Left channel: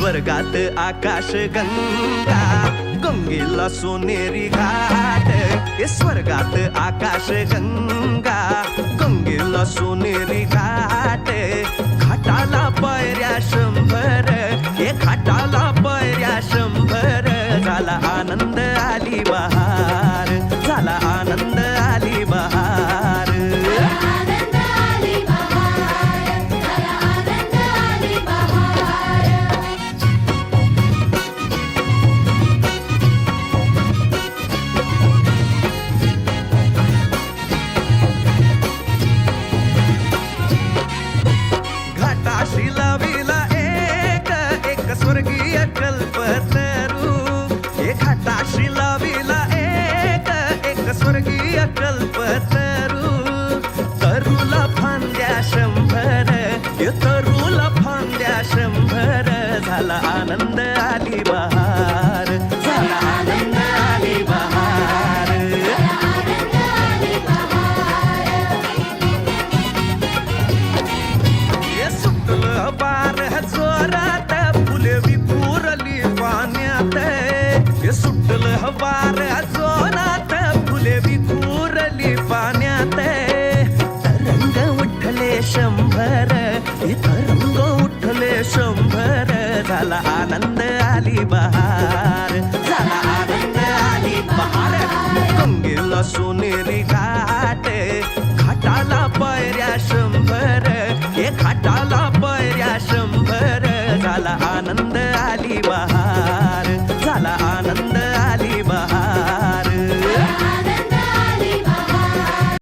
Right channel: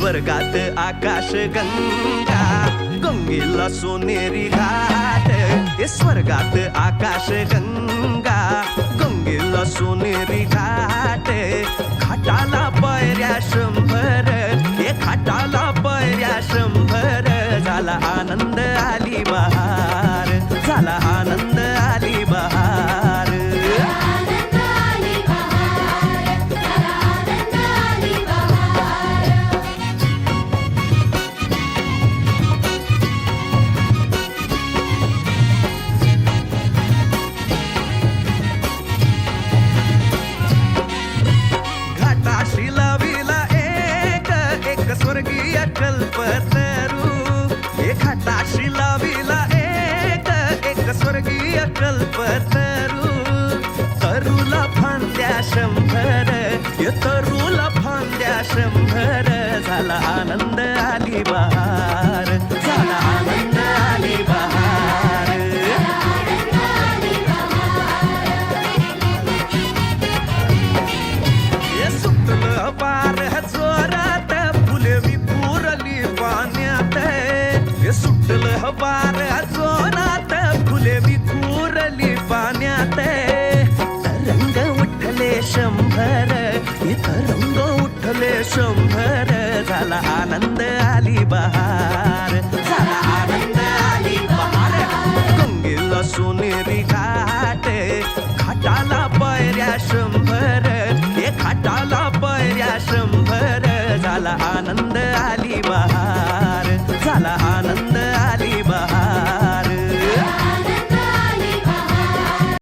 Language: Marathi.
स्वर्गात आकाश गंगा, गंगेला सोनेरी घाट. स्वर्गात आकाश गंगा, गंगेला सोनेरी घाट. घाटाला पायऱ्या 100, घाटाला पायऱ्या 100. झाला आनंद आली बहार, झाला आनंद आली बहार. घाटाशी लाविला एक स्वर्गीय कल्पतरू. घाटाशी लाविला एक स्वर्गीय कल्पतरू. तरूला फांद्या 100, तरूला फांद्या 100. झाला आनंद आली बहार, झाला आनंद आली बहार. सुटलं वार जोरात, फुले विखुरली पाण्यात. सुटलं वार जोरात, फुले विखुरली पाण्यात. तरंग उठले 100, तरंग उठले 100. झाला आनंद आली बहार, झाला आनंद आली बहार. गंगेला सोनेरी घाट, घाटाला पायऱ्या 100, घाटाला पायऱ्या 100. झाला आनंद आली बहार, झाला आनंद आली बहार.